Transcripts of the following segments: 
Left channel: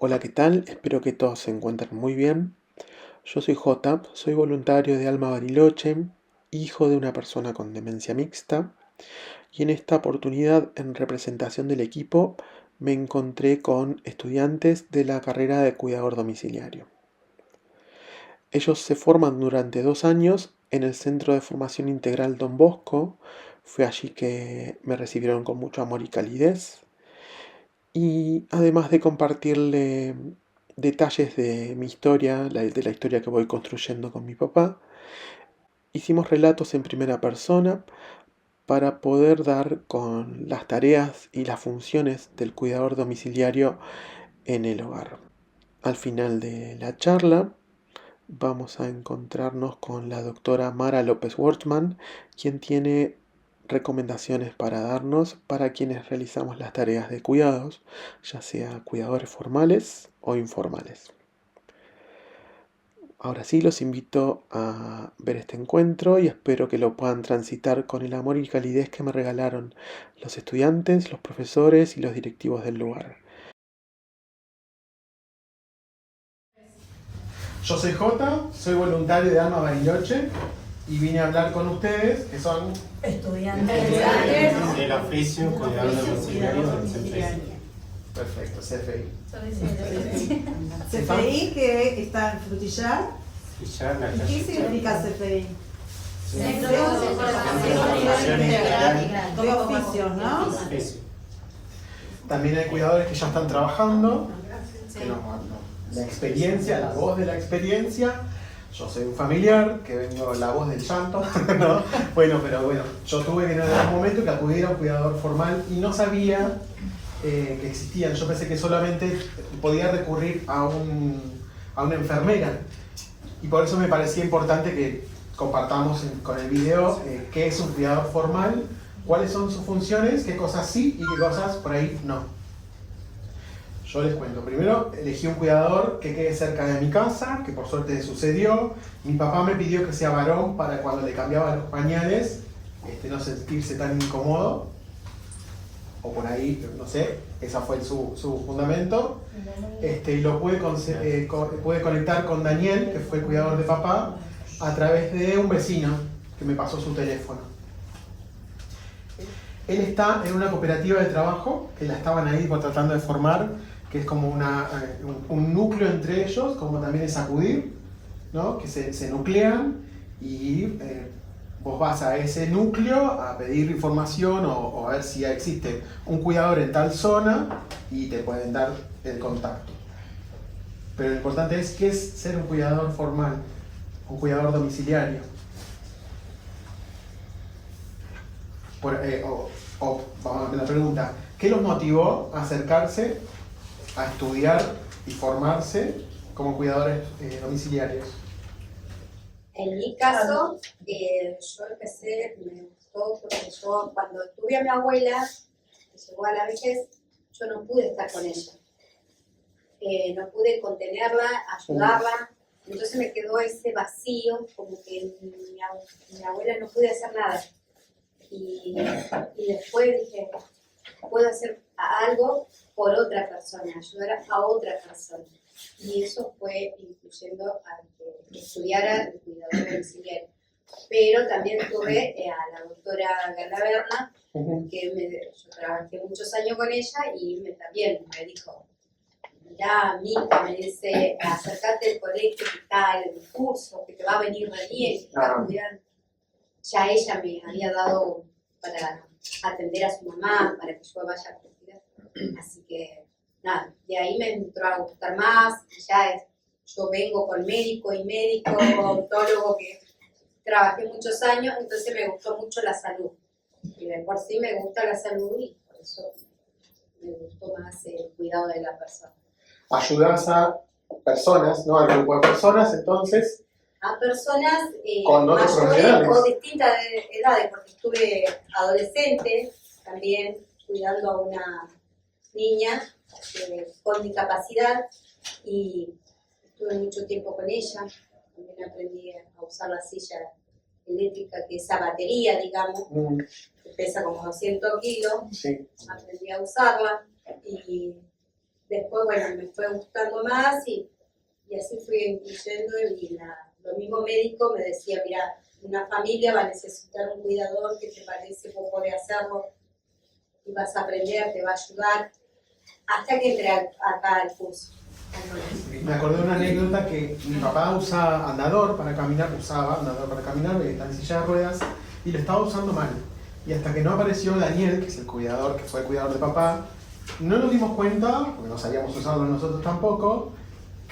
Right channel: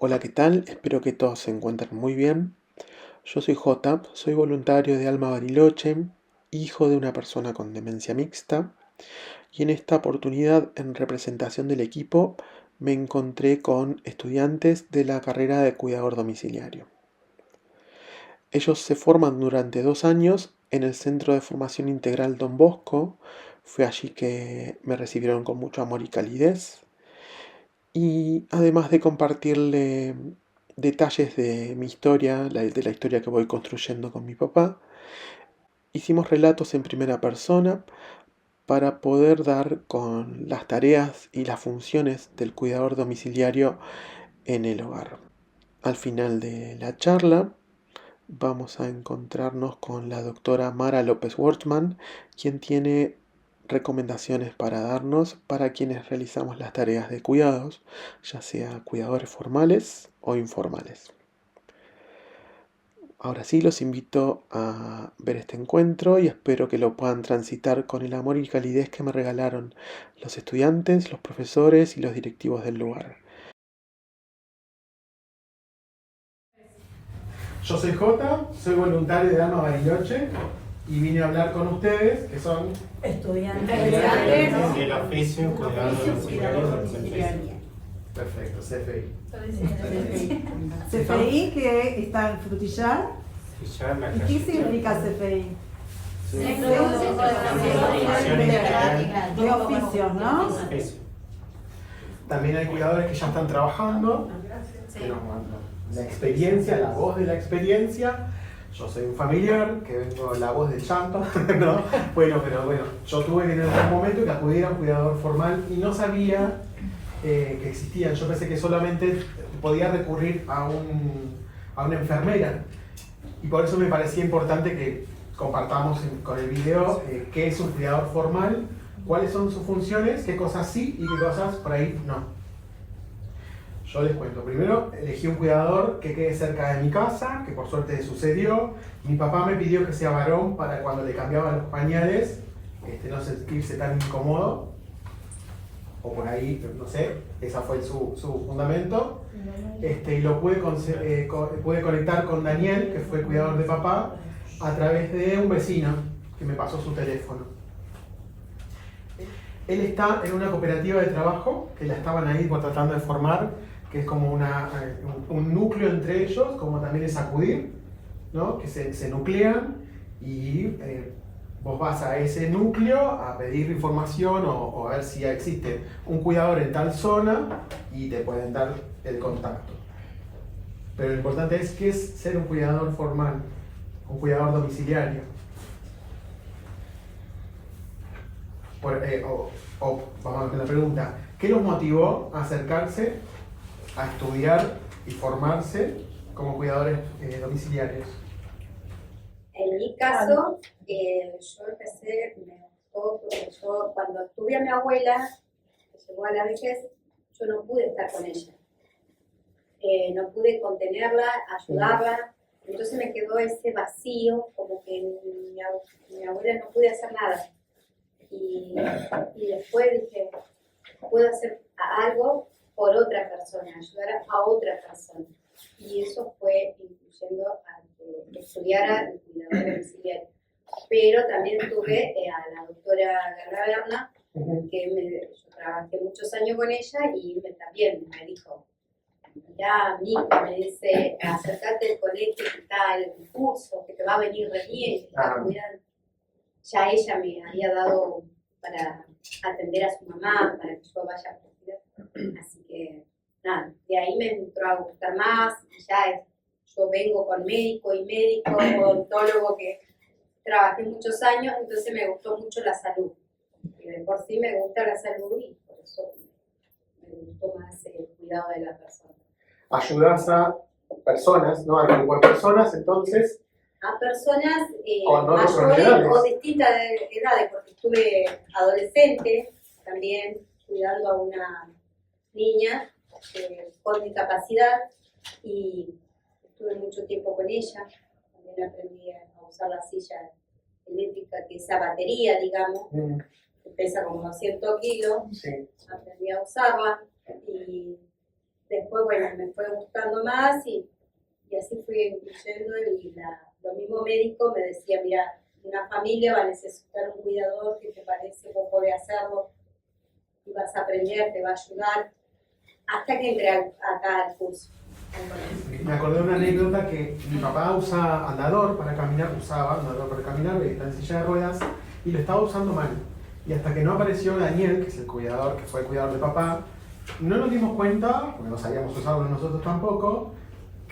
Hola, ¿qué tal? Espero que todos se encuentren muy bien. Yo soy Jota, soy voluntario de Alma Bariloche, hijo de una persona con demencia mixta, y en esta oportunidad, en representación del equipo, me encontré con estudiantes de la carrera de cuidador domiciliario. Ellos se forman durante 2 años en el Centro de Formación Integral Don Bosco. Fue allí que me recibieron con mucho amor y calidez. Y además de compartirle detalles de mi historia, de la historia que voy construyendo con mi papá, hicimos relatos en primera persona para poder dar con las tareas y las funciones del cuidador domiciliario en el hogar. Al final de la charla vamos a encontrarnos con la doctora Mara López Wortman, quien tiene recomendaciones para darnos para quienes realizamos las tareas de cuidados, ya sea cuidadores formales o informales. Ahora sí, los invito a ver este encuentro y espero que lo puedan transitar con el amor y calidez que me regalaron los estudiantes, los profesores y los directivos del lugar. Yo soy Jota, soy voluntario de Alma Bariloche y vine a hablar con ustedes, que son estudiantes del oficio cuidador domiciliario. Perfecto, CFI. CFI que está en Frutillar. Y ¿Y qué significa CFI? Centro de Formación De oficios, ¿no? También hay cuidadores que ya están trabajando, pero la experiencia, la voz de la experiencia. Yo soy un familiar, que vengo la voz del llanto, ¿no? Bueno, yo tuve que en algún momento que acudir a un cuidador formal y no sabía que existían. Yo pensé que solamente podía recurrir a una enfermera. Y por eso me parecía importante que compartamos con el video qué es un cuidador formal, cuáles son sus funciones, qué cosas sí y qué cosas por ahí no. Yo les cuento. Primero, elegí un cuidador que quede cerca de mi casa, que por suerte sucedió. Mi papá me pidió que sea varón para cuando le cambiaba los pañales, no sentirse tan incómodo. O por ahí, no sé, ese fue su fundamento. Y lo pude conectar con Daniel, que fue el cuidador de papá, a través de un vecino que me pasó su teléfono. Él está en una cooperativa de trabajo, que la estaban ahí tratando de formar, que es como un núcleo entre ellos, como también es acudir, ¿no? Que se nuclean y vos vas a ese núcleo a pedir información o a ver si existe un cuidador en tal zona y te pueden dar el contacto. Pero lo importante es qué es ser un cuidador formal, un cuidador domiciliario. Vamos a la pregunta, ¿qué los motivó a acercarse a estudiar y formarse como cuidadores domiciliarios? En mi caso, yo empecé, me gustó porque yo cuando tuve a mi abuela, que llegó a la vejez, yo no pude estar con ella. No pude contenerla, ayudarla, entonces me quedó ese vacío, como que mi abuela no pude hacer nada. Y después dije, puedo hacer algo por otra persona, ayudar a otra persona. Y eso fue incluyendo a que estudiara el cuidador domiciliario. Pero también tuve a la doctora Galaverna, que yo trabajé muchos años con ella y también me dijo, mirá, Mica, me dice, acércate al colegio, que está el curso, que te va a venir re bien, que te va a cuidar. Ya ella me había dado para atender a su mamá, para que yo vaya a cuidar. Así que, nada, de ahí me entró a gustar más. Yo vengo con médico, odontólogo, que trabajé muchos años, entonces me gustó mucho la salud. Y de por sí me gusta la salud y por eso me gustó más el cuidado de la persona. Ayudas a personas, ¿no? A grupo de personas, entonces. A personas con otros mayores o distintas edades, porque estuve adolescente también cuidando a una niña con discapacidad y estuve mucho tiempo con ella. También aprendí a usar la silla eléctrica, que es a batería, digamos, que pesa como 200 kilos. Sí. Aprendí a usarla y después después, bueno, me fue gustando más y así fui incluyendo y lo mismo médico me decía, mira, una familia va a necesitar un cuidador que te parece, vos podés hacerlo y vas a aprender, te va a ayudar, hasta que entré acá al curso. Me acordé de una anécdota que mi papá usaba andador para caminar, está en silla de ruedas y lo estaba usando mal. Y hasta que no apareció Daniel, que es el cuidador, que fue el cuidador de papá, no nos dimos cuenta, porque no sabíamos usarlo nosotros tampoco,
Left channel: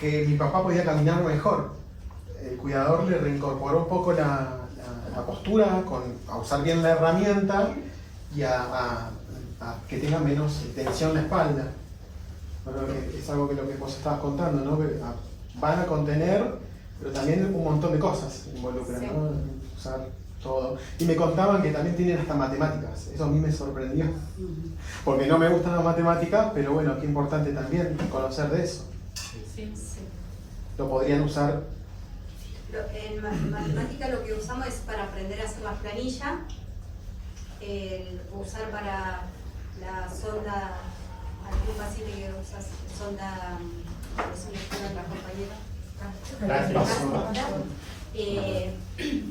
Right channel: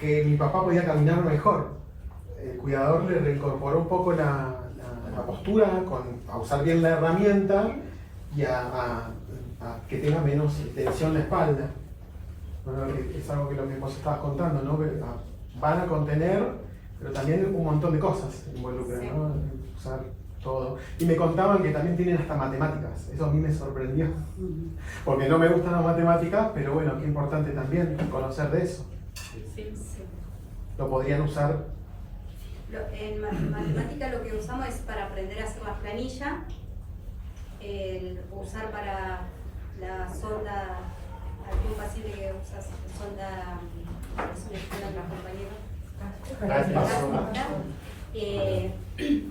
que mi papá podía caminar mejor. El cuidador le reincorporó un poco la postura, a usar bien la herramienta y a que tenga menos tensión en la espalda. Bueno, es algo que lo que vos estabas contando, ¿no? Van a contener, pero también un montón de cosas involucran, sí, ¿no? Usar todo. Y me contaban que también tienen hasta matemáticas. Eso a mí me sorprendió. Porque no me gustan las matemáticas, pero bueno, qué importante también conocer de eso. Sí, sí. Lo podrían usar. En matemática lo que usamos es para aprender a hacer las planillas, usar para la sonda, algún paciente que usa sonda, es una escuela de los compañeros,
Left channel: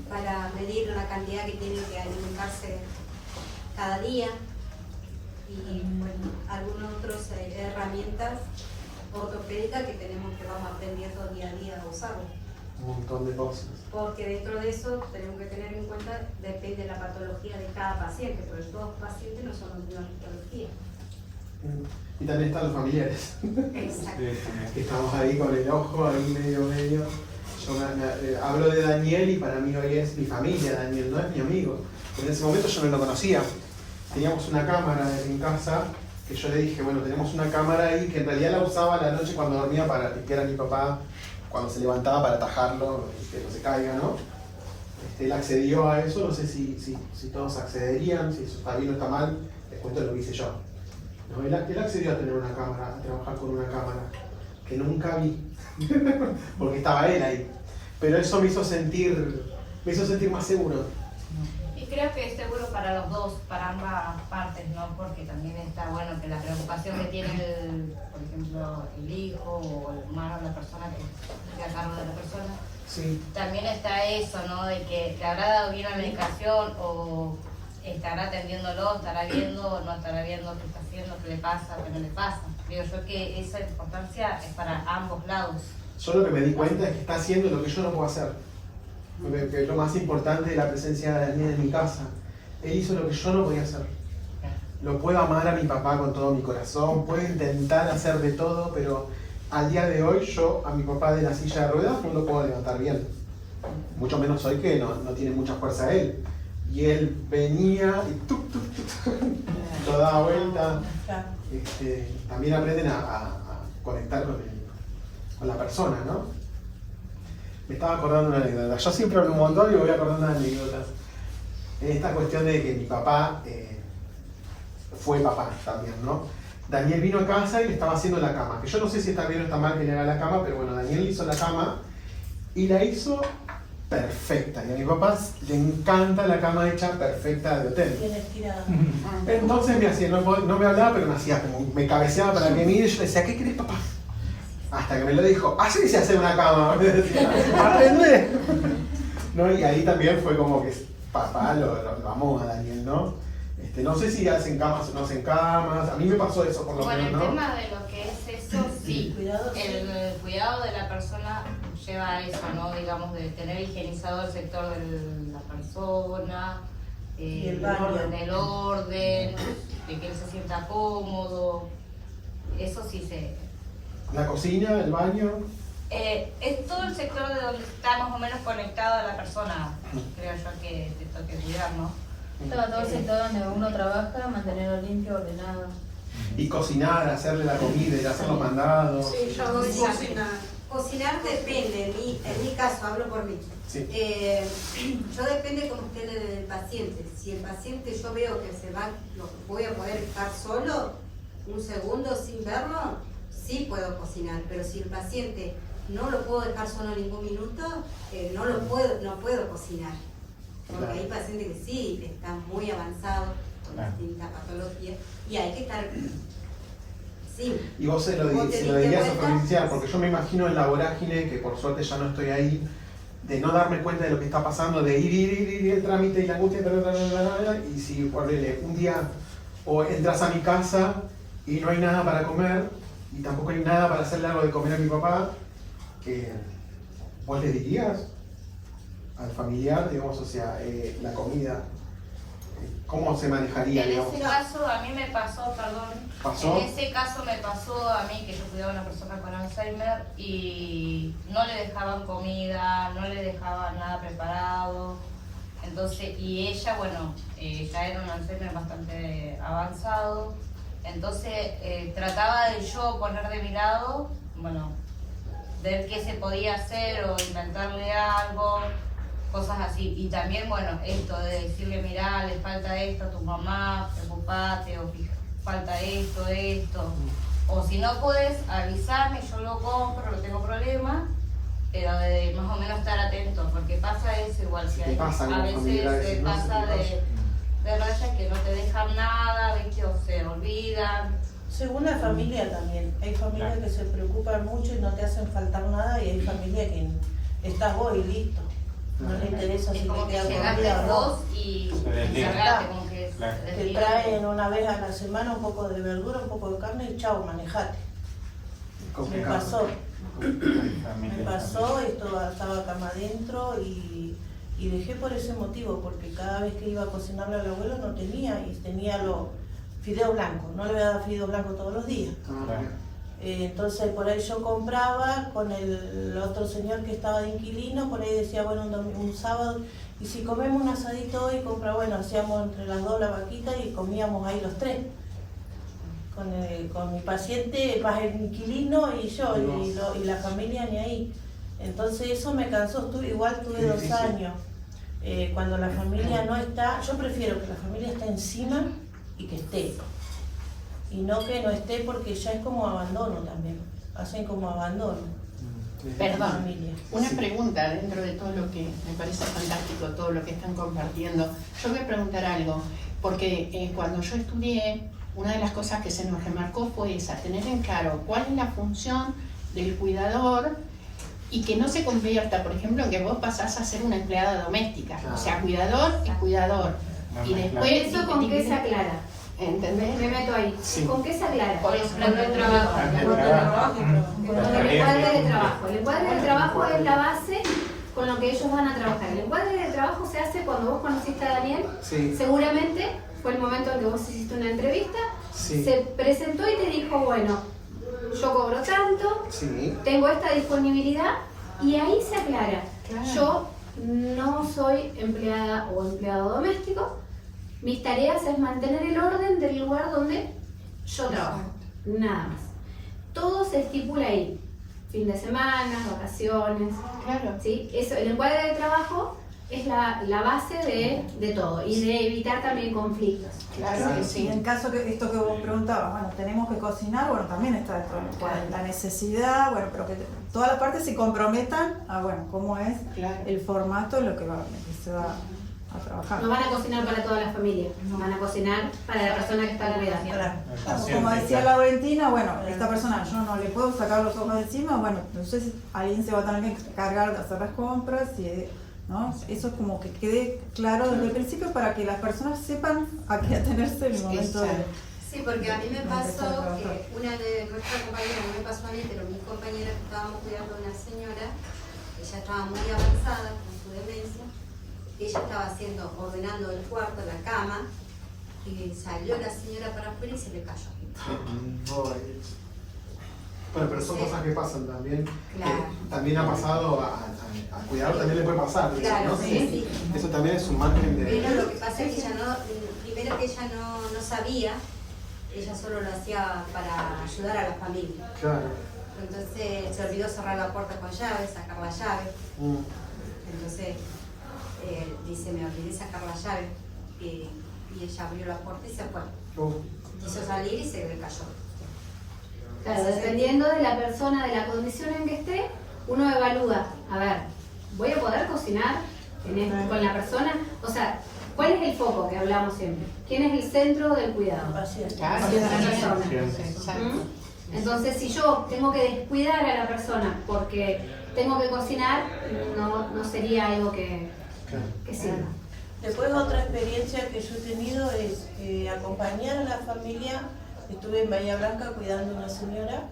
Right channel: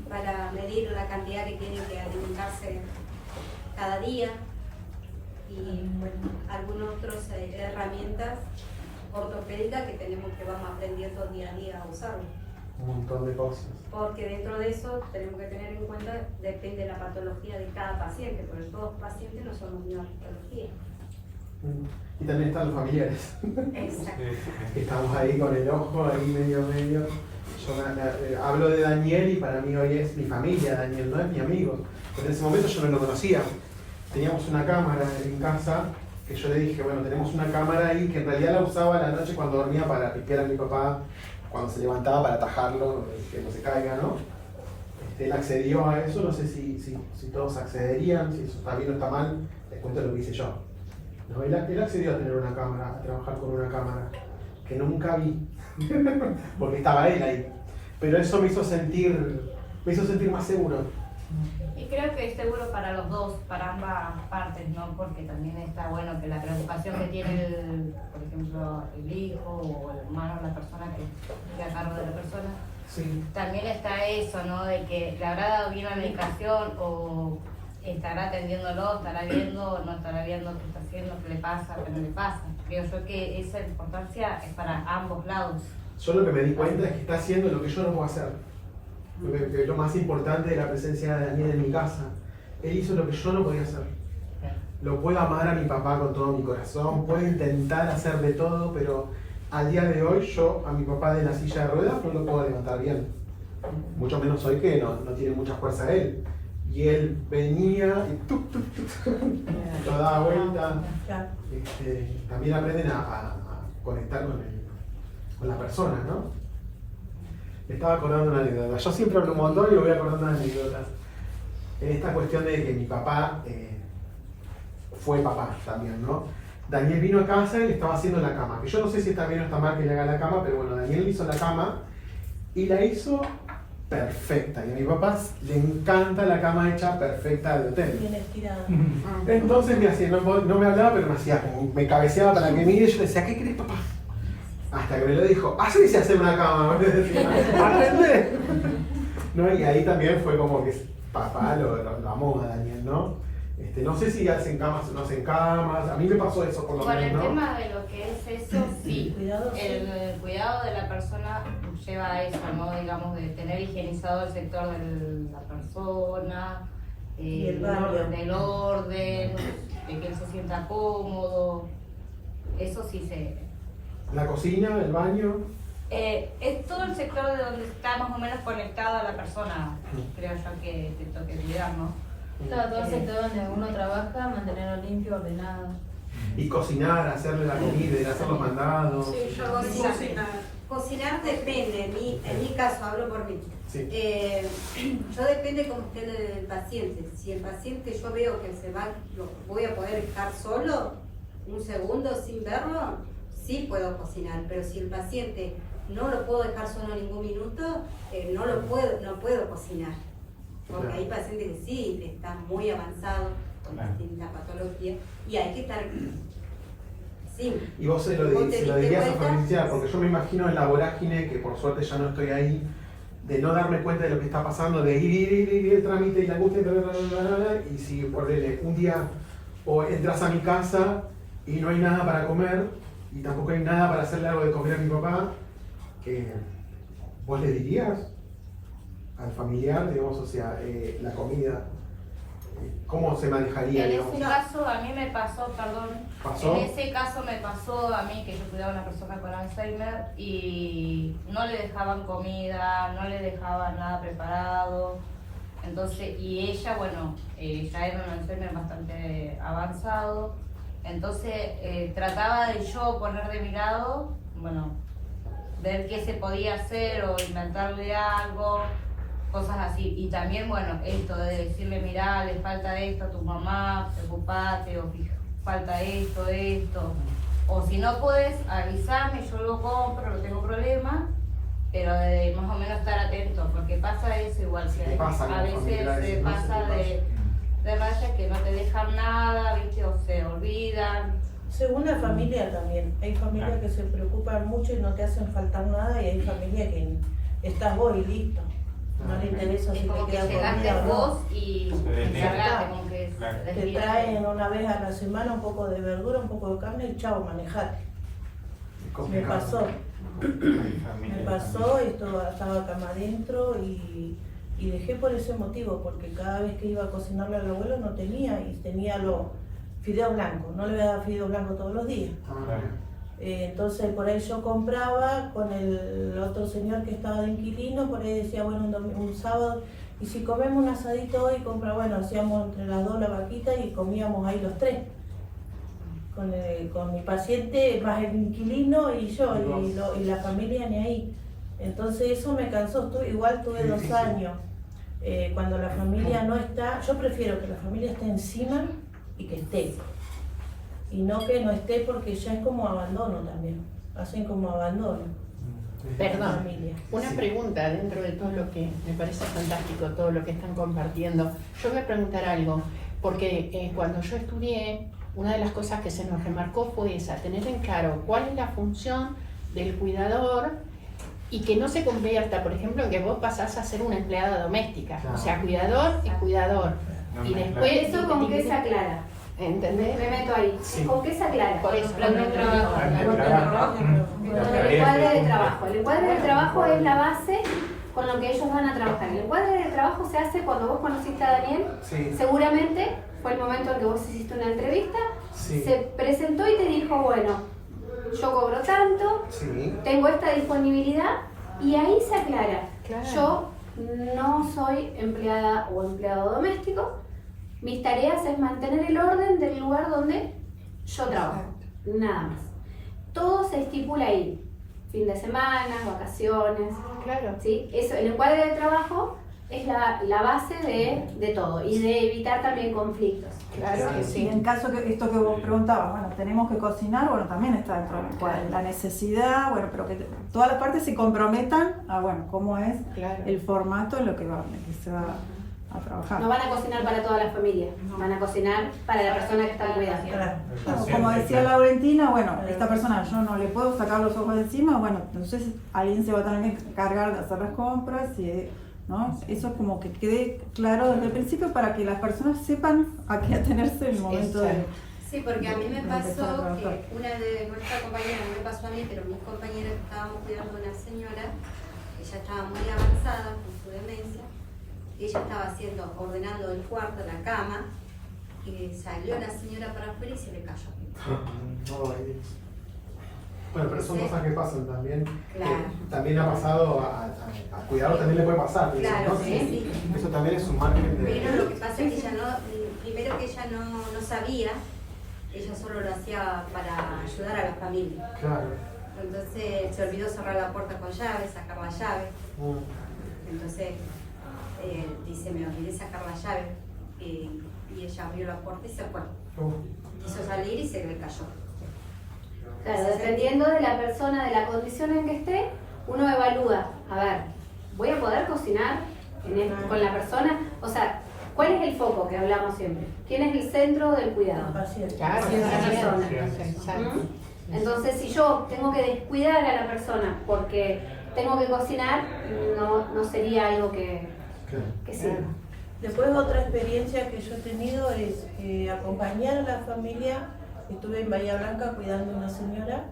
para medir la cantidad que tienen que alimentarse cada día y bueno, algunas otras herramientas ortopédicas que vamos aprendiendo día a día a usarlo. Un montón de cosas. Porque dentro de eso tenemos que tener en cuenta, depende de la patología de cada paciente, porque todos los pacientes no son la misma patología. Y también están los familiares. Exacto. Estamos ahí con el ojo, ahí medio. Yo hablo de Daniel y para mí hoy es mi familia, Daniel, no es mi amigo. Porque en ese momento yo no lo conocía. Teníamos una cámara en casa que yo le dije, bueno, tenemos una cámara ahí que en realidad la usaba a la noche cuando dormía para que era mi papá, cuando se levantaba para atajarlo, que no se caiga, ¿no? Él accedió a eso, no sé si todos accederían, si eso está bien o está mal, les cuento lo que hice yo. No, él accedió a tener una cámara, a trabajar con una cámara, que nunca vi, porque estaba él ahí. Pero eso me hizo sentir más seguro. Y creo que es seguro para los dos, para ambas partes, ¿no? Porque también está bueno que la preocupación que tiene, por ejemplo, el hijo o el hermano, la persona que esté a cargo de la persona, sí, también está eso, ¿no? De que le habrá dado bien la medicación o estará atendiéndolo, estará viendo, no estará viendo qué está haciendo, qué le pasa, qué no le pasa. Creo yo que esa importancia es para ambos lados. Yo lo que me di cuenta es que está haciendo lo que yo no puedo hacer. Que es lo más importante de la presencia de Daniel en mi casa. Él hizo lo que yo no podía hacer. Lo puedo amar a mi papá con todo mi corazón, puedo intentar hacer de todo, pero al día de hoy yo a mi papá de la silla de ruedas no lo puedo levantar bien. Mucho menos hoy que no tiene mucha fuerza él. Y él venía y tuk, lo daba vuelta. También aprenden a conectar con la persona, ¿no? Me estaba acordando de una anécdota. Yo siempre hablo un montón y me voy acordando de anécdotas. En esta cuestión de que mi papá fue papá también, ¿no? Daniel vino a casa y le estaba haciendo la cama. Que yo no sé si está bien o está mal que le haga la cama, pero bueno, Daniel hizo la cama y la hizo perfecta. Y a mi papá le encanta la cama hecha perfecta de hotel. Entonces me hacía, no me hablaba, pero me hacía como, me cabeceaba para que me mire y yo le decía, ¿qué querés, papá? Hasta que me lo dijo, así se hace una cama, me decía, aprende. ¿No? Y ahí también fue como que papá lo amó a Daniel, ¿no? No sé si hacen camas o no hacen camas, a mí me pasó eso por lo menos, ¿no? Bueno, el tema de lo que es eso, sí, el cuidado de la persona lleva a eso, ¿no? Digamos, de tener higienizado el sector de la persona, del orden, de que él se sienta cómodo, eso sí se... La cocina, el baño. Es todo el sector de donde está más o menos conectado a la persona, creo yo que te toque cuidar, ¿no? Todo el sector donde uno trabaja, mantenerlo limpio, ordenado. Y cocinar, hacerle la comida, y hacer los mandados. Sí, yo cocinar. Cocinar depende, en mi caso, hablo por mí. Sí. Yo depende como esté del paciente. Si el paciente yo veo que se va, voy a poder estar solo un segundo sin verlo, sí puedo cocinar, pero si el paciente no lo puedo dejar solo ningún minuto, no puedo cocinar. Porque hay pacientes que sí están muy avanzados con distintas patologías y hay que estar Sí. Y vos se lo ¿Vos te diste dirías a cuenta? familiar, porque yo me imagino en la vorágine, que por suerte ya no estoy ahí, de no darme cuenta de lo que está pasando, de ir el trámite y la angustia, y si por un día o entras a mi casa y no hay nada para comer, y tampoco hay nada para hacerle algo de comer a mi papá, ¿vos le dirías al familiar, digamos, o sea, la comida, cómo se manejaría, En digamos? ese caso a mí me pasó, perdón, ¿Pasó? en ese caso me pasó a mí que yo cuidaba a una persona con Alzheimer y no le dejaban comida, no le dejaban nada preparado. Entonces, y ella, bueno, ya era un Alzheimer bastante avanzado, entonces trataba de yo poner de mi lado, bueno, ver qué se podía hacer o inventarle algo, cosas así. Y también, bueno, esto de decirle, mirá, le falta esto a tu mamá, preocupate, o falta esto, o si no puedes, avísame, yo lo compro, no tengo problema, pero de más o menos estar atento, porque pasa eso igual, si ¿Qué pasa con a los familiares? veces No sé pasa qué de rayas que no te dejan nada, ¿viste? O se olvidan. Según la familia también. Hay familias que se preocupan mucho y no te hacen faltar nada, y hay familias que estás vos y listo. No le interesa Es si como te que queda llegaste comida o no. vos y encargate, como que Claro. Te traen una vez a la semana un poco de verdura, un poco de carne y chao, manejate. Me pasó. Me pasó, estaba cama adentro y dejé por ese motivo, porque cada vez que iba a cocinarle al abuelo no tenía, y tenía los fideos blancos, no le voy a dar fideos blancos todos los días. Entonces por ahí yo compraba con el otro señor que estaba de inquilino, por ahí decía, bueno, un sábado, y si comemos un asadito hoy, bueno, hacíamos entre las dos la vaquita y comíamos ahí los tres. Con mi paciente, más el inquilino y yo, y la familia ni ahí. Entonces eso me cansó, igual tuve 2 años. Cuando la familia no está, yo prefiero que la familia esté encima y que esté. Y no que no esté, porque ya es como abandono también. Hacen como abandono. Perdón, Familia. una Sí. pregunta dentro de todo lo que me parece fantástico, todo lo que están compartiendo. Yo voy a preguntar algo, porque cuando yo estudié, una de las cosas que se nos remarcó fue esa, tener en claro cuál es la función del cuidador y que no se convierta, por ejemplo, en que vos pasás a ser una empleada doméstica. Claro. O sea, cuidador es cuidador. Y después... ¿Eso con qué se aclara? ¿Entendés? Me meto ahí. Sí. ¿Con qué se aclara? Con el plan de trabajo. Con el encuadre de trabajo. El encuadre de trabajo es la base con lo que ellos van a trabajar. El encuadre de trabajo se hace cuando vos conociste a Daniel. Sí. Seguramente fue el momento en que vos hiciste una entrevista. Sí. Se presentó y te dijo, bueno, yo cobro tanto, Sí. tengo esta disponibilidad, y ahí se aclara. Claro. Yo no soy empleada o empleado doméstico. Mis tareas es mantener el orden del lugar donde yo trabajo, nada más. Todo se estipula ahí, fin de semana, vacaciones, Claro. ¿sí? Eso, el encuadre de trabajo es la base de todo, y de evitar también conflictos. Claro que Y sí. en caso que esto que vos preguntabas, bueno, tenemos que cocinar, bueno, también está dentro del encuadre. La necesidad, bueno, pero que todas las partes se comprometan a, bueno, cómo es Claro. el formato en lo que se va a trabajar. No van a cocinar para toda la familia, van a cocinar para la persona que está cuidando. Claro. Como decía la Valentina, bueno, esta persona yo no le puedo sacar los ojos de encima, bueno, entonces alguien se va a tener que encargar de hacer las compras, ¿no? Eso es como que quede claro desde el principio para que las personas sepan a qué atenerse en el momento de... Exacto. Sí, porque a mí me Empezar a pasó trabajar. que una de nuestras compañeras, no me pasó a mí, pero mis compañeras que estábamos cuidando a una señora, ella estaba muy avanzada con su demencia, ella estaba ordenando el cuarto, la cama, y salió la señora para afuera y se le cayó. Bueno, pero son cosas que pasan también. Claro. También ha pasado a cuidarlo, también le puede pasar. Claro, ¿no? sí. Eso también es un margen de... Pero lo que pasa es que ella primero que ella no sabía, ella solo lo hacía para ayudar a la familia. Claro. Entonces se olvidó cerrar la puerta con llave, sacar la llave. Entonces dice, me olvidé sacar la llave. Y ella abrió la puerta y se fue. Quiso salir y se le cayó. Claro, dependiendo de la persona, de la condición en que esté, uno evalúa, a ver, ¿voy a poder cocinar con la persona? O sea, ¿cuál es el foco que hablamos siempre? ¿Quién es el centro del cuidado? Paciente. Claro, Sí, sí, sí, sí. sí. Exacto. Entonces, si yo tengo que descuidar a la persona porque tengo que cocinar, no sería algo que sirva. Después otra experiencia que yo he tenido es acompañar a la familia. Estuve en Bahía Blanca cuidando a una señora.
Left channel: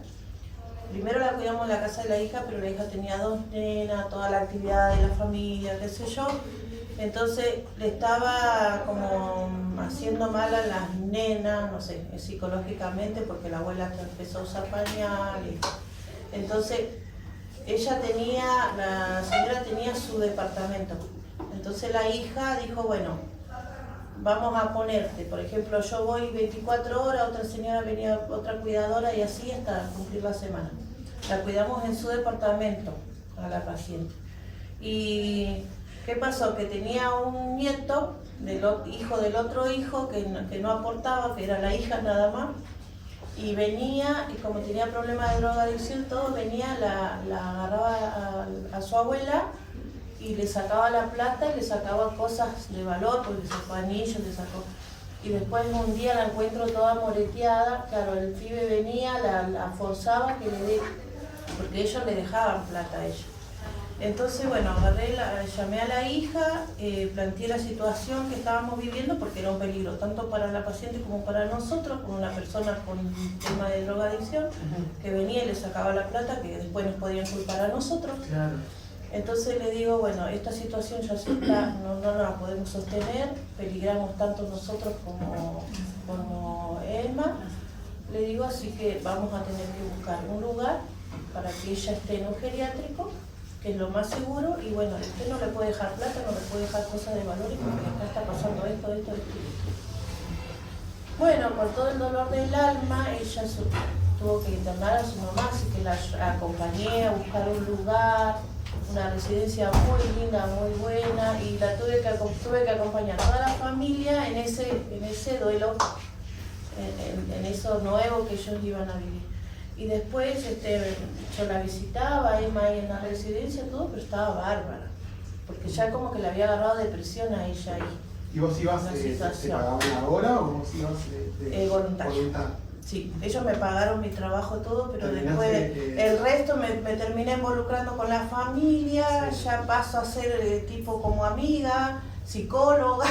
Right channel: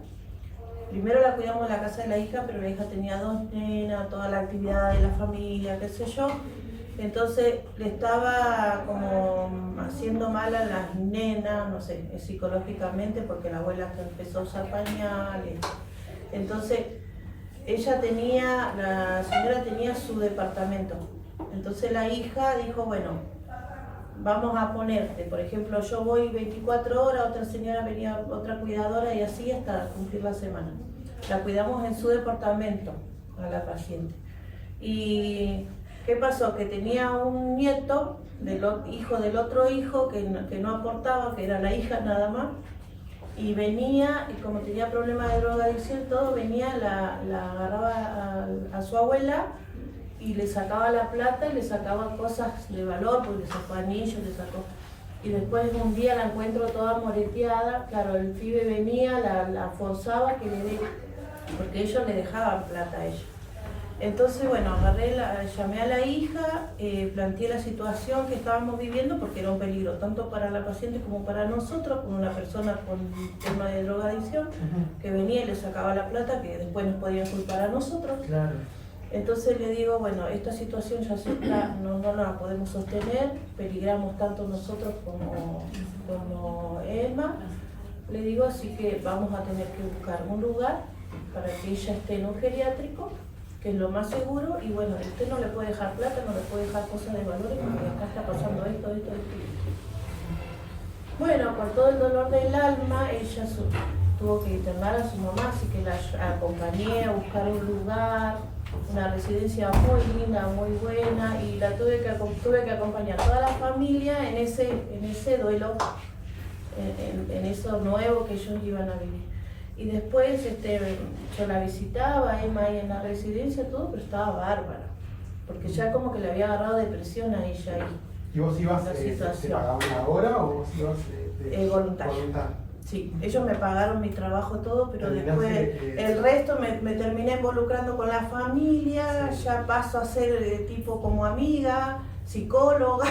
Primero la cuidamos en la casa de la hija, pero la hija tenía 2 nenas, toda la actividad de la familia, qué sé yo. Entonces le estaba como haciendo mal a las nenas, no sé, psicológicamente, porque la abuela empezó a usar pañales. Entonces la señora tenía su departamento. Entonces la hija dijo, bueno, vamos a ponerte, por ejemplo, yo voy 24 horas, otra señora venía, otra cuidadora, y así hasta cumplir la semana. La cuidamos en su departamento a la paciente. Y ¿qué pasó? Que tenía un nieto, hijo del otro hijo, que no aportaba, que era la hija nada más, y venía, y como tenía problemas de drogadicción, todo, venía, la agarraba a su abuela y le sacaba la plata, le sacaba cosas de valor, porque le sacó anillos, le sacó. Y después un día la encuentro toda moreteada, claro, el pibe venía, la forzaba que le dé, porque ellos le dejaban plata a ella. Entonces, bueno, llamé a la hija, planteé la situación que estábamos viviendo, porque era un peligro tanto para la paciente como para nosotros, con una persona con tema de drogadicción, que venía y le sacaba la plata, que después nos podían culpar a nosotros. Claro. Entonces le digo, bueno, esta situación ya sí está, no la podemos sostener, peligramos tanto nosotros como Elma. Le digo, así que vamos a tener que buscar un lugar para que ella esté en un geriátrico, que es lo más seguro, y bueno, usted no le puede dejar plata, no le puede dejar cosas de valores, porque acá está pasando esto. Bueno, con todo el dolor del alma, ella tuvo que internar a su mamá, así que la acompañé a buscar un lugar, una residencia muy linda, muy buena, y la tuve que acompañar a toda la familia en ese duelo, en eso nuevo que ellos iban a vivir. Y después yo la visitaba, Emma ahí en la residencia, todo, pero estaba bárbara, porque ya como que le había agarrado depresión a ella ahí. ¿Y vos ibas, te pagaban la hora o vos ibas voluntario? Sí, ellos me pagaron mi trabajo todo, pero después el resto me terminé involucrando con la familia, ya paso a ser tipo como amiga, psicóloga.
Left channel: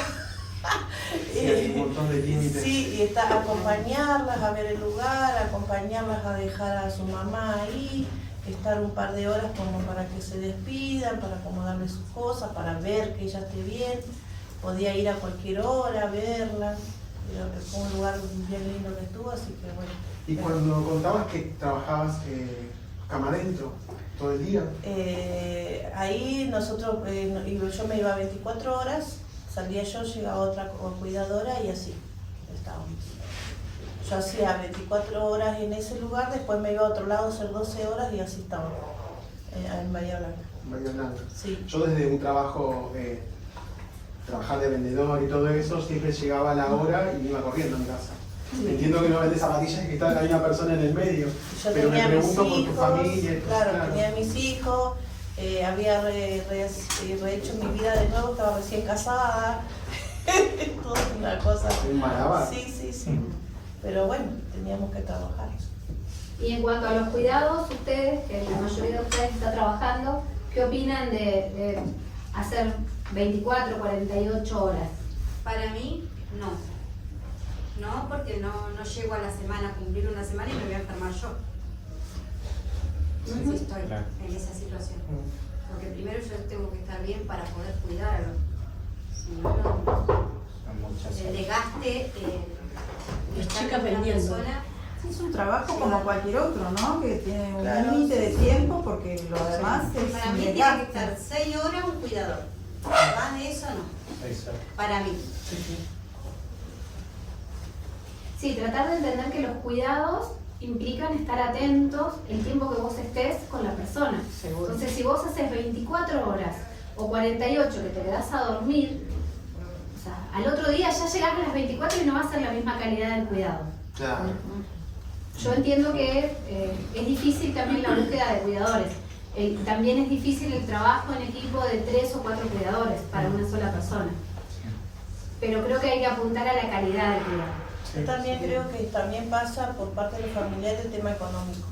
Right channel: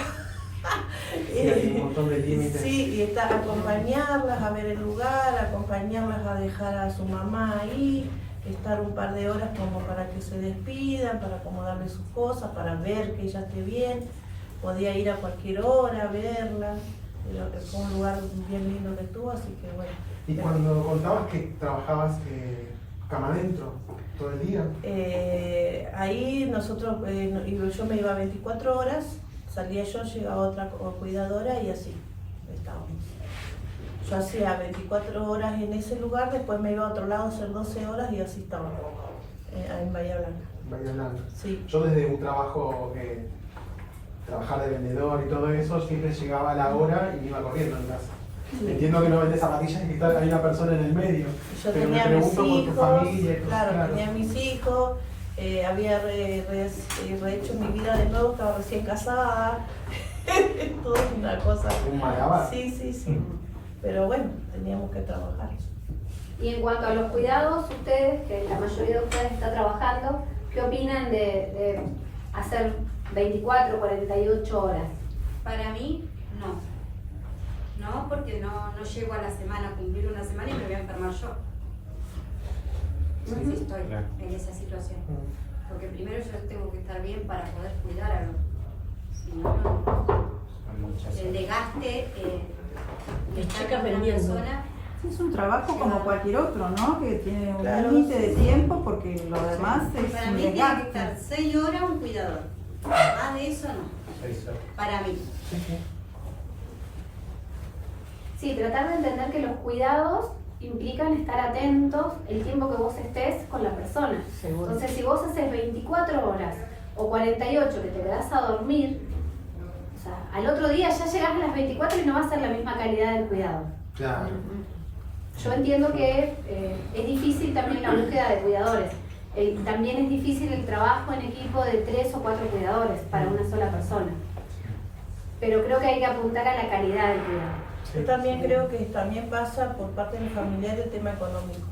Sí, hay un montón de límites. Sí, y acompañarlas a ver el lugar, acompañarlas a dejar a su mamá ahí, estar un par de horas como para que se despidan, para acomodarle sus cosas, para ver que ella esté bien. Podía ir a cualquier hora a verla. Fue un lugar bien lindo que estuvo, así que bueno. ¿Y cuando contabas que trabajabas cama adentro todo el día? Ahí nosotros, yo me iba 24 horas, salía yo, llegaba otra cuidadora y así estábamos. Yo hacía 24 horas en ese lugar, después me iba a otro lado a hacer 12 horas y así estaba, en Bahía Blanca. Bahía Blanca. Sí. Yo desde un trabajo, trabajar de vendedor y todo eso, siempre llegaba a la hora y me iba corriendo a mi casa. Sí. Entiendo que no vendes zapatillas y que hay una persona en el medio. Yo pero tenía me pregunto mis hijos, por tu familia. claro, tenía mis hijos, había rehecho mi vida de nuevo, estaba recién casada. Toda una cosa. Un malabar. Sí. Pero bueno, teníamos que trabajar. Y en cuanto a los cuidados, ustedes, que la mayoría de ustedes está trabajando, ¿qué opinan de hacer 24, 48 horas? Para mí, no. No, porque no llego a la semana, a cumplir una semana y me voy a enfermar yo. Si estoy en esa situación. Porque primero yo tengo que estar bien para poder cuidar a los. Si no, el desgaste de estar con una persona. Es un trabajo como cualquier otro, ¿no? Que tiene un límite de tiempo, porque lo demás es. Para mí tiene que estar 6 horas un cuidador. Más de eso no. Para mí. Sí, tratar de entender que los cuidados implican estar atentos el tiempo que vos estés con la persona. Seguro. Entonces, si vos haces 24 horas o 48 que te quedás a dormir, o sea, al otro día ya llegás a las 24 y no va a ser la misma calidad del cuidado. Claro. Yo entiendo que es difícil también la búsqueda de cuidadores. También es difícil el trabajo en equipo de 3 o 4 cuidadores para una sola persona. Pero creo que hay que apuntar a la calidad del cuidado. Yo también creo que también pasa por parte del familiar el tema económico.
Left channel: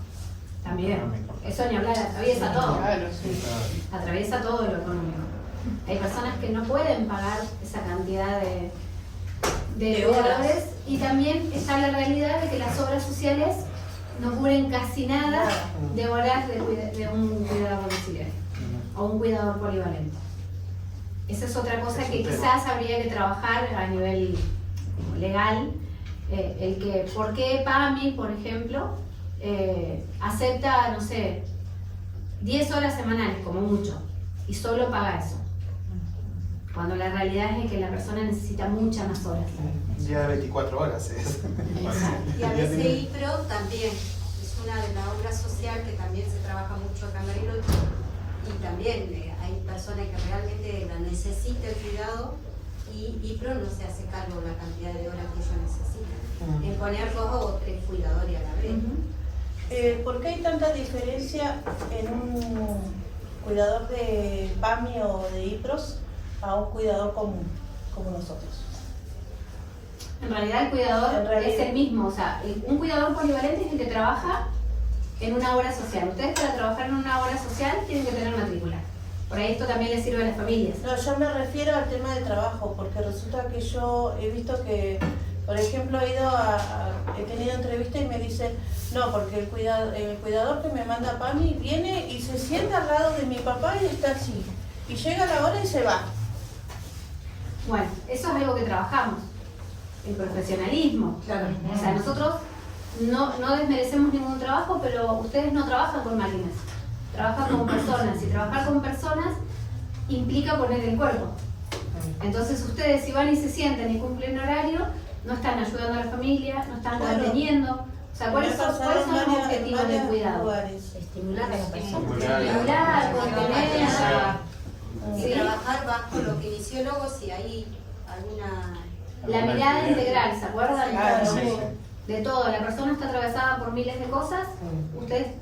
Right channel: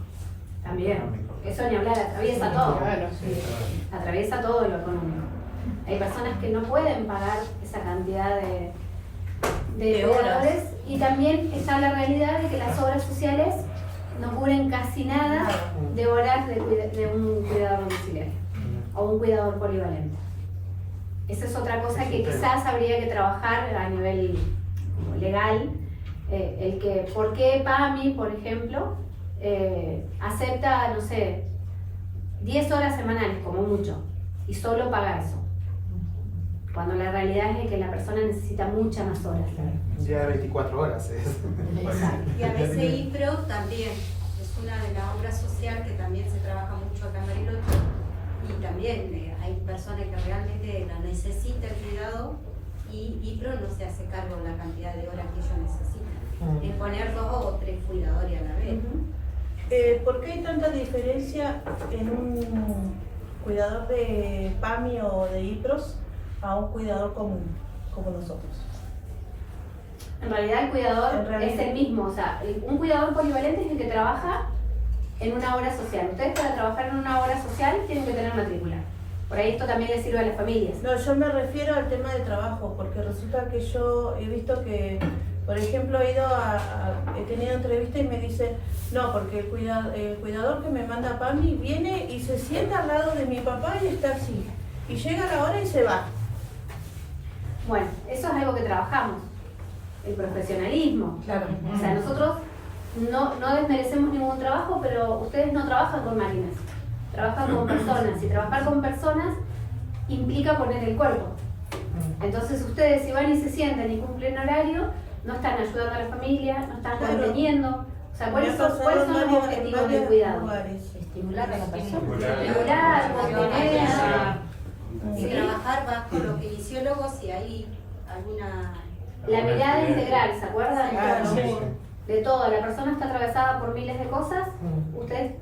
También, eso ni hablar, atraviesa todo. Claro, sí. Atraviesa todo lo económico. Hay personas que no pueden pagar esa cantidad de cuidadores, y también está la realidad de que las obras sociales no cubren casi nada de horas de un cuidador domiciliario o un cuidador polivalente. Esa es otra cosa que quizás habría que trabajar a nivel legal, el que, ¿por qué PAMI, por ejemplo, acepta, no sé, 10 horas semanales como mucho y solo paga eso? Cuando la realidad es que la persona necesita muchas más horas. Un día de 24 horas es. Y a veces IPRO también es una de las obras sociales que también se trabaja mucho acá en Bariloche, y también hay personas que realmente la necesitan el cuidado y IPRO no se hace cargo de la cantidad de horas que ellos necesitan, en poner 2 o 3 cuidadores a la vez. ¿Por qué hay tanta diferencia en un cuidador de PAMI o de IPROS a un cuidador común, como nosotros? En realidad el cuidador es el mismo, o sea, un cuidador polivalente es el que trabaja en una obra social. Ustedes para trabajar en una obra social tienen que tener matrícula. Por ahí esto también les sirve a las familias. No, yo me refiero al tema de trabajo, porque resulta que yo he visto que, por ejemplo, he tenido entrevistas y me dicen, no, porque el cuidador que me manda PAMI viene y se sienta al lado de mi papá y está así. Y llega la hora y se va. Bueno, eso es algo que trabajamos, el profesionalismo. Claro. O sea, nosotros no desmerecemos ningún trabajo, pero ustedes no trabajan con máquinas, trabajan con personas, y trabajar con personas implica poner el cuerpo. Entonces ustedes, si van y se sientan y cumplen horario, no están ayudando a la familia, no están conteniendo. O sea, ¿cuáles son los objetivos del cuidado? Estimular a la persona. Estimular, contener. Y trabajar bajo los kinesiólogos y hay alguna... La mirada integral, ¿se acuerdan? Claro, sí. De todo, la persona está atravesada por miles de cosas, ustedes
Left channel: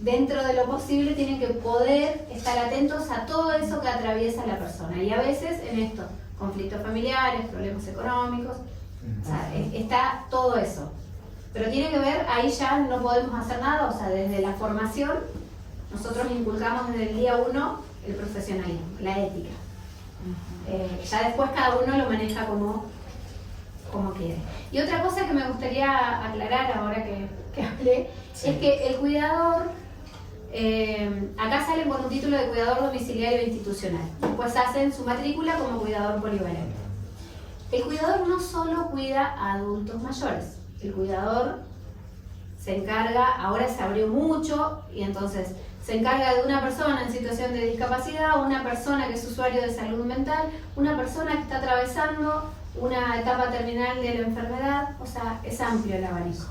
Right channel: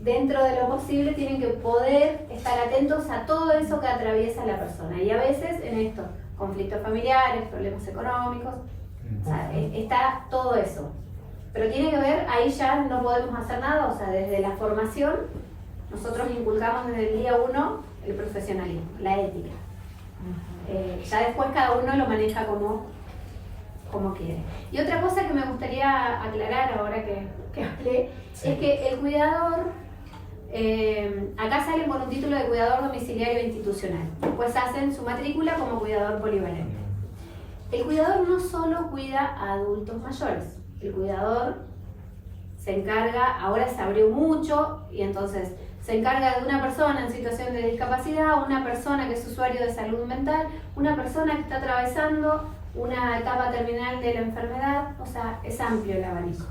dentro de lo posible tienen que poder estar atentos a todo eso que atraviesa la persona, y a veces en esto, conflictos familiares, problemas económicos, o sea, está todo eso. Pero tiene que ver, ahí ya no podemos hacer nada, o sea, desde la formación nosotros inculcamos desde el día 1 el profesionalismo, la ética. Ya después cada uno lo maneja como quiere. Y otra cosa que me gustaría aclarar ahora que hablé, es que el cuidador, acá salen con un título de cuidador domiciliario institucional, después hacen su matrícula como cuidador polivalente. El cuidador no solo cuida a adultos mayores, el cuidador se encarga, ahora se abrió mucho, y entonces se encarga de una persona en situación de discapacidad, una persona que es usuario de salud mental, una persona que está atravesando una etapa terminal de la enfermedad, o sea, es amplio el abanico.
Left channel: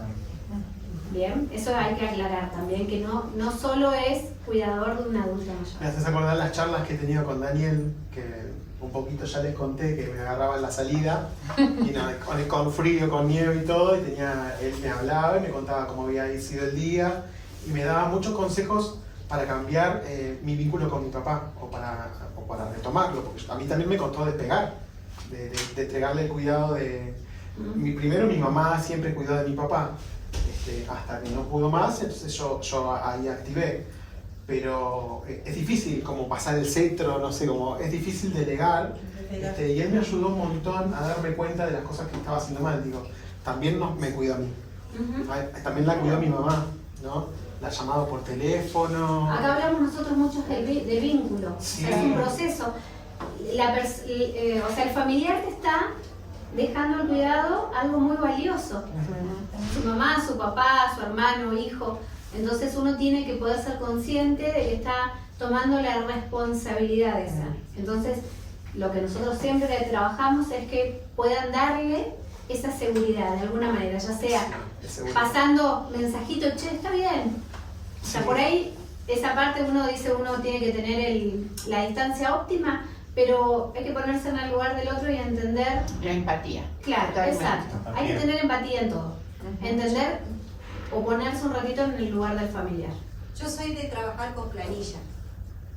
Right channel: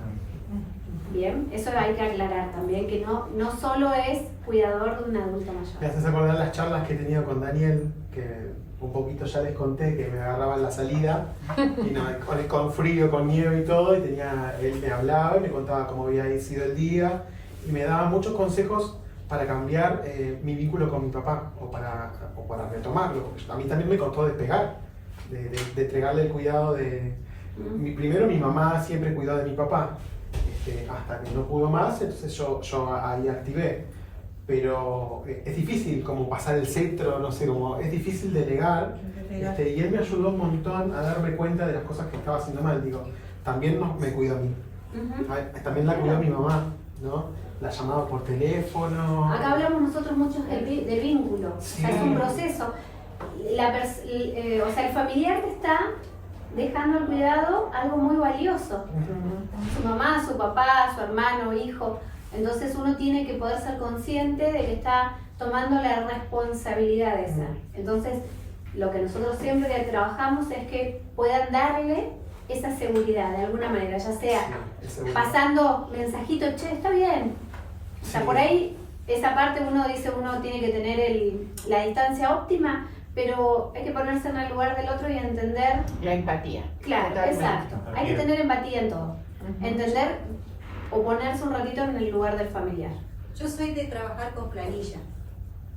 Bien, eso hay que aclarar también, que no solo es cuidador de un adulto mayor. Me haces acordar las charlas que he tenido con Daniel, que un poquito ya les conté que me agarraba en la salida, y no, con frío, con nieve y todo, y él me hablaba y me contaba cómo había sido el día, y me daba muchos consejos para cambiar mi vínculo con mi papá, o para retomarlo, porque a mí también me costó despegar, de entregarle el cuidado de... Primero mi mamá siempre cuidó de mi papá, hasta que no pudo más, entonces yo ahí activé. Pero es difícil como pasar el cetro, no sé, como es difícil delegar. Y él me ayudó un montón a darme cuenta de las cosas que estaba haciendo mal. Digo, también me cuidó a mí. También la cuidó mi mamá, ¿no? La llamaba por teléfono. Acá hablamos nosotros mucho del vínculo, Sí. o sea, es un proceso. O sea, el familiar te está dejando el cuidado algo muy valioso. Su mamá, su papá, su hermano, hijo. Entonces uno tiene que poder ser consciente de que está tomando la responsabilidad de ser. Entonces, lo que nosotros siempre trabajamos es que puedan darle esa seguridad de alguna manera, ya sea pasando mensajito, che, está bien. O sea, por ahí, esa parte uno dice, uno tiene que tener la distancia óptima, pero hay que ponerse en el lugar del otro y entender... La empatía. Claro, Totalmente. exacto. Hay que tener empatía en todo. Entender o ponerse un ratito en el lugar del familiar. Yo soy de trabajar con planilla.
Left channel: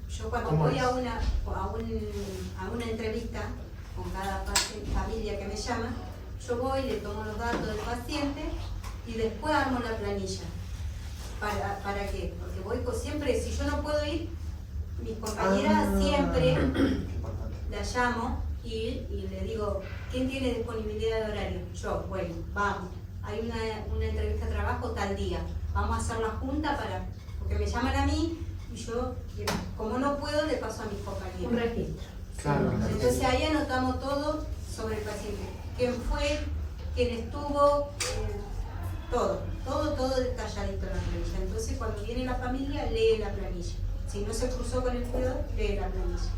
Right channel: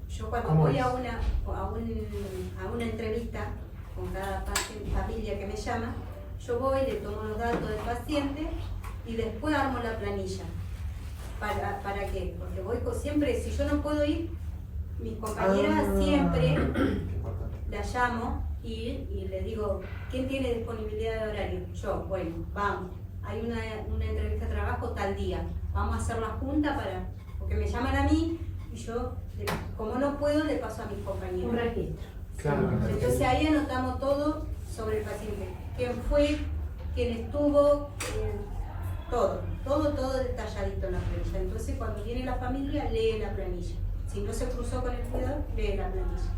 Yo cuando ¿Cómo voy es? a una entrevista con cada familia que me llama, yo voy, le tomo los datos del paciente y después armo la planilla. ¿Para qué? Porque voy siempre, si yo no puedo ir, mis compañeras siempre la llamo y le digo, ¿quién tiene disponibilidad de horario? Yo, bueno, vamos, hay una entrevista de trabajo tal día, vamos a hacer la junta porque me llaman a mí y yo, como no puedo, le paso a mis compañeros. Un registro. Claro. Entonces ahí anotamos todo sobre el paciente, quién fue, quién estuvo, todo detalladito en la planilla. Entonces cuando viene la familia, lee la planilla. Si no se cruzó con el cuidador, lee la planilla.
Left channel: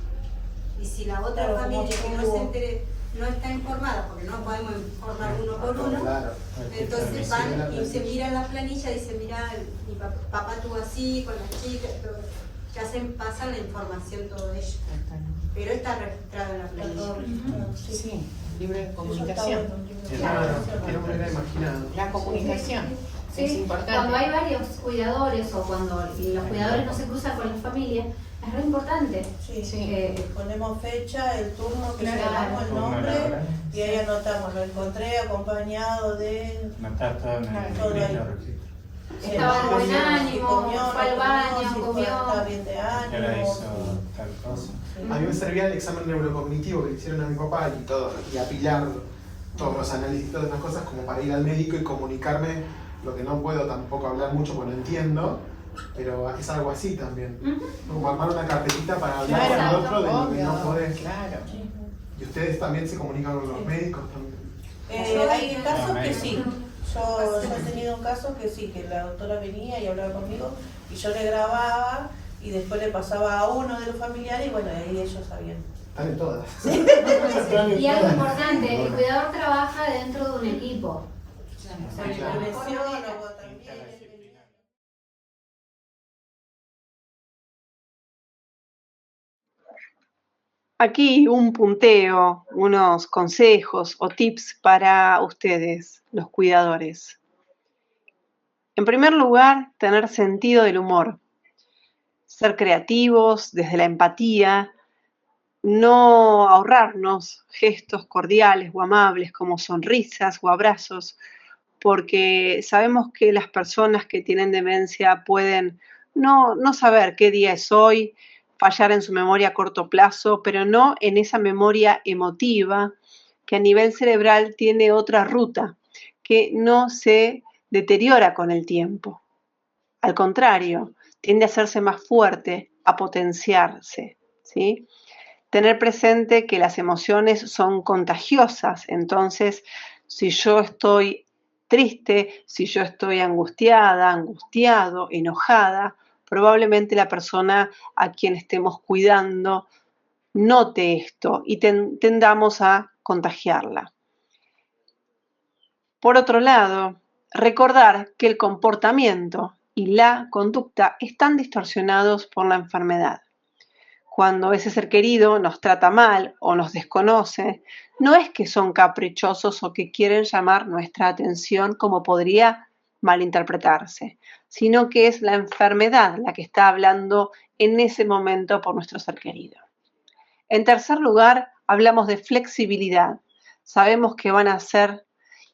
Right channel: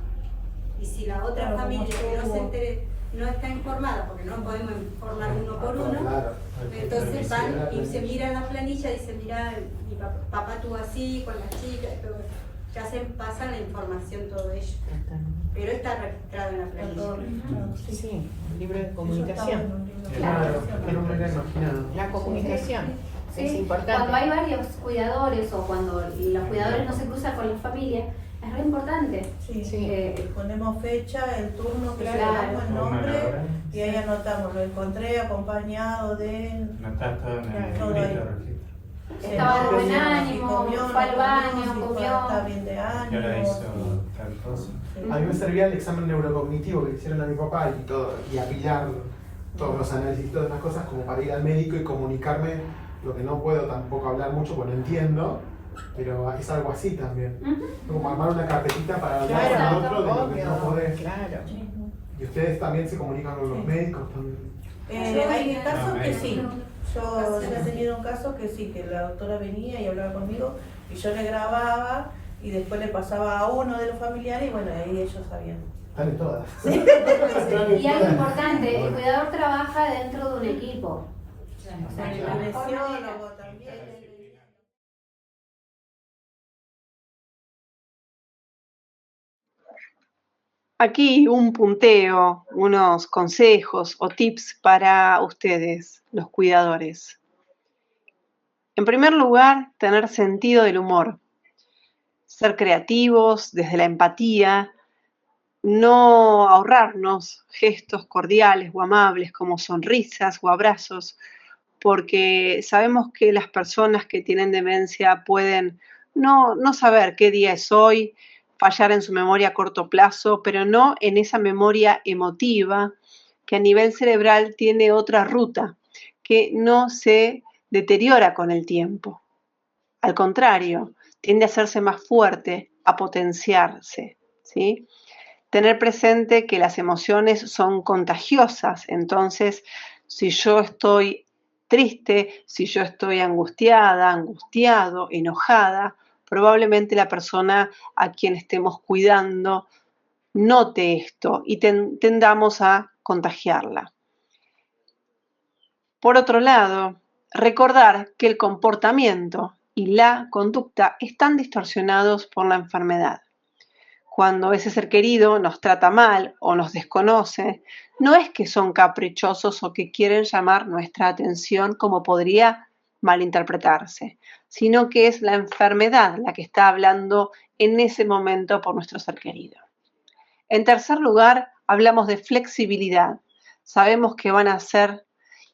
Y si la otra familia que no se entere, no está informada, porque no podemos informar uno por uno, entonces van y se miran la planilla y dicen, mira, mi papá estuvo así, con las chicas, todo. Ya pasan la información todo ello. Pero está registrado en la planilla. Sí, libro de comunicación. Claro, que no me hubiera imaginado. La comunicación es Sí, importante. cuando hay varios cuidadores o cuando los cuidadores no se cruzan con las familias, es re importante. Sí, ponemos fecha, el turno, que le Claro. damos el nombre y ahí anotamos, lo encontré acompañado de... Notar todo en el Todo libro. ahí. Estaba de buen Si ánimo, comió, fue al no baño, si comió. está bien de Ahora ánimo. hizo tal cosa. A mí me servía el examen neurocognitivo que le hicieron a mi papá y todo, y apilarlo, todos los análisis, todas esas cosas, como para ir al médico y comunicarme lo que no puedo tampoco hablar mucho porque no entiendo, pero es algo así también. Como armar una carpetita para hablar con el otro de lo que no podés. Claro. Y ustedes también se comunican con los médicos también. Hay casos que sí. Yo he tenido un caso que sí, que la doctora venía y hablaba conmigo y yo le grababa y después le pasaba a uno de los familiares y bueno, ahí ellos sabían. Están en todas. Y algo importante, el cuidador trabaja dentro de un equipo. O sea, la mejor manera. Aquí un punteo, unos consejos o tips para ustedes, los cuidadores. En primer lugar, tener sentido del humor, ser creativos desde la empatía, no ahorrarnos gestos cordiales o amables como sonrisas o abrazos, porque sabemos que las personas que tienen demencia pueden no saber qué día es hoy, fallar en su memoria a corto plazo, pero no en esa memoria emotiva que a nivel cerebral tiene otra ruta, que no se deteriora con el tiempo. Al contrario, tiende a hacerse más fuerte, a potenciarse, ¿sí? Tener presente que las emociones son contagiosas, entonces si yo estoy triste, si yo estoy angustiada, angustiado, enojada, probablemente la persona a quien estemos cuidando note esto y tendamos a contagiarla. Por otro lado, recordar que el comportamiento y la conducta están distorsionados por la enfermedad. Cuando ese ser querido nos trata mal o nos desconoce, no es que son caprichosos o que quieren llamar nuestra atención como podría malinterpretarse, sino que es la enfermedad la que está hablando en ese momento por nuestro ser querido. En tercer lugar, hablamos de flexibilidad. Sabemos que van a ser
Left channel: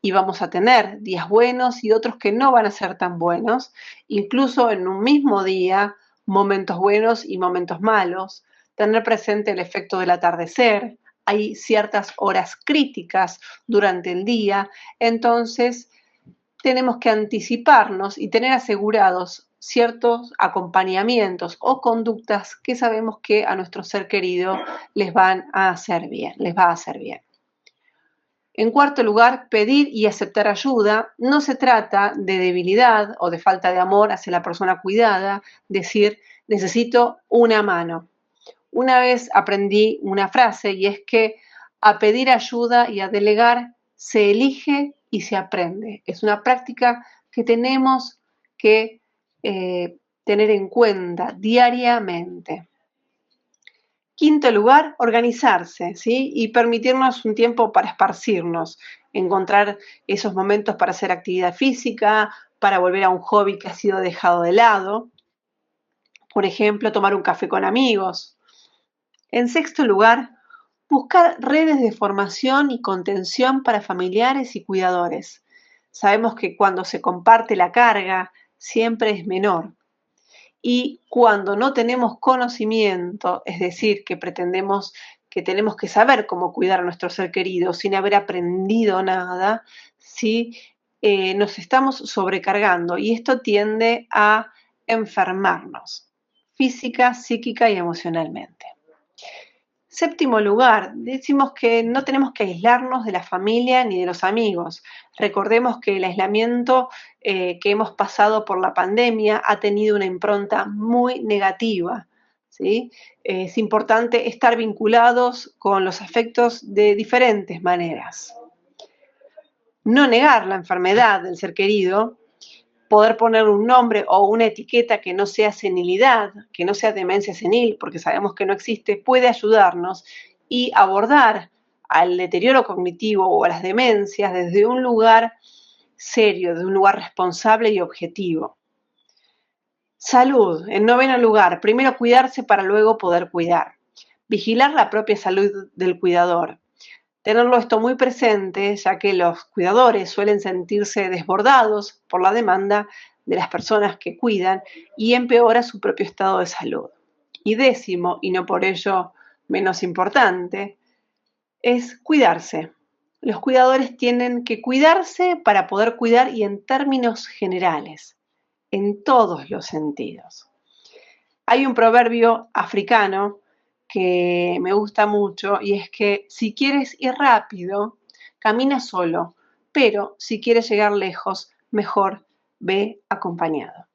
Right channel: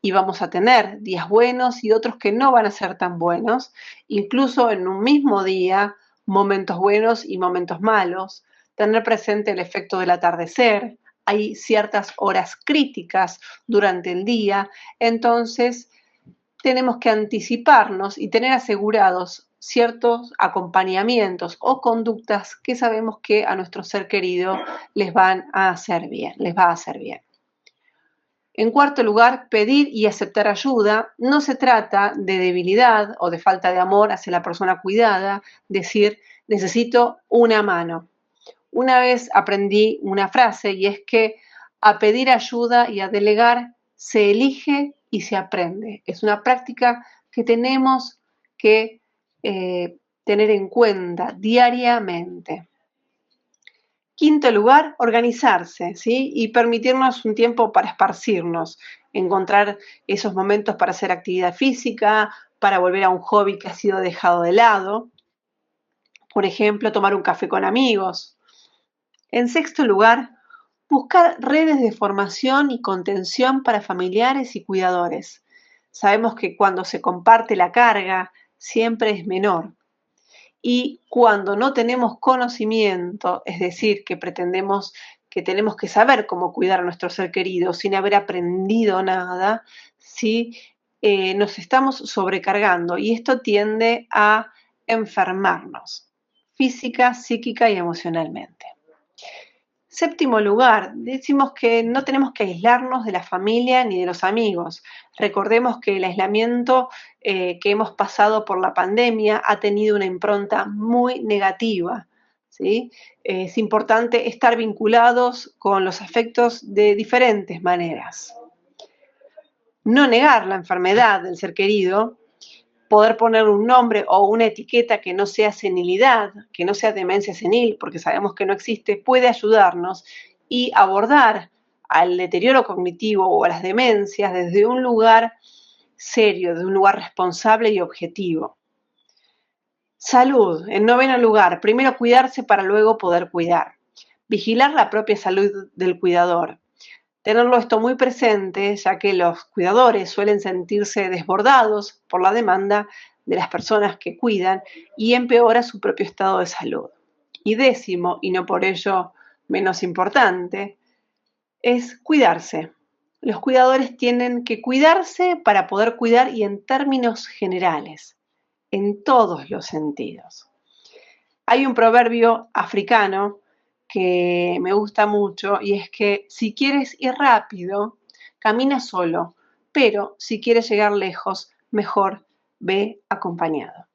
y vamos a tener días buenos y otros que no van a ser tan buenos, incluso en un mismo día, momentos buenos y momentos malos. Tener presente el efecto del atardecer, hay ciertas horas críticas durante el día, entonces tenemos que anticiparnos y tener asegurados ciertos acompañamientos o conductas que sabemos que a nuestro ser querido les va a hacer bien. En cuarto lugar, pedir y aceptar ayuda. No se trata de debilidad o de falta de amor hacia la persona cuidada, decir necesito una mano. Una vez aprendí una frase y es que a pedir ayuda y a delegar se elige y se aprende. Es una práctica que tenemos que tener en cuenta diariamente. Quinto lugar, organizarse, ¿sí? Y permitirnos un tiempo para esparcirnos, encontrar esos momentos para hacer actividad física, para volver a un hobby que ha sido dejado de lado. Por ejemplo, tomar un café con amigos. En sexto lugar, Buscar redes de formación y contención para familiares y cuidadores. Sabemos que cuando se comparte la carga siempre es menor. Y cuando no tenemos conocimiento, es decir, que pretendemos que tenemos que saber cómo cuidar a nuestro ser querido sin haber aprendido nada, ¿sí? Nos estamos sobrecargando y esto tiende a enfermarnos física, psíquica y emocionalmente. Séptimo lugar, decimos que no tenemos que aislarnos de la familia ni de los amigos. Recordemos que el aislamiento que hemos pasado por la pandemia ha tenido una impronta muy negativa, ¿sí? Es importante estar vinculados con los afectos de diferentes maneras. No negar la enfermedad del ser querido, poder poner un nombre o una etiqueta que no sea senilidad, que no sea demencia senil, porque sabemos que no existe, puede ayudarnos y abordar al deterioro cognitivo o a las demencias desde un lugar serio, desde un lugar responsable y objetivo. Salud, en noveno lugar, primero cuidarse para luego poder cuidar. Vigilar la propia salud del cuidador. Tenerlo esto muy presente, ya que los cuidadores suelen sentirse desbordados por la demanda de las personas que cuidan y empeora su propio estado de salud. Y décimo, y no por ello menos importante, es cuidarse. Los cuidadores tienen que cuidarse para poder cuidar y en términos generales, en todos los sentidos. Hay un proverbio africano que me gusta mucho y es que si quieres ir rápido, camina solo, pero si quieres llegar lejos, mejor ve acompañado.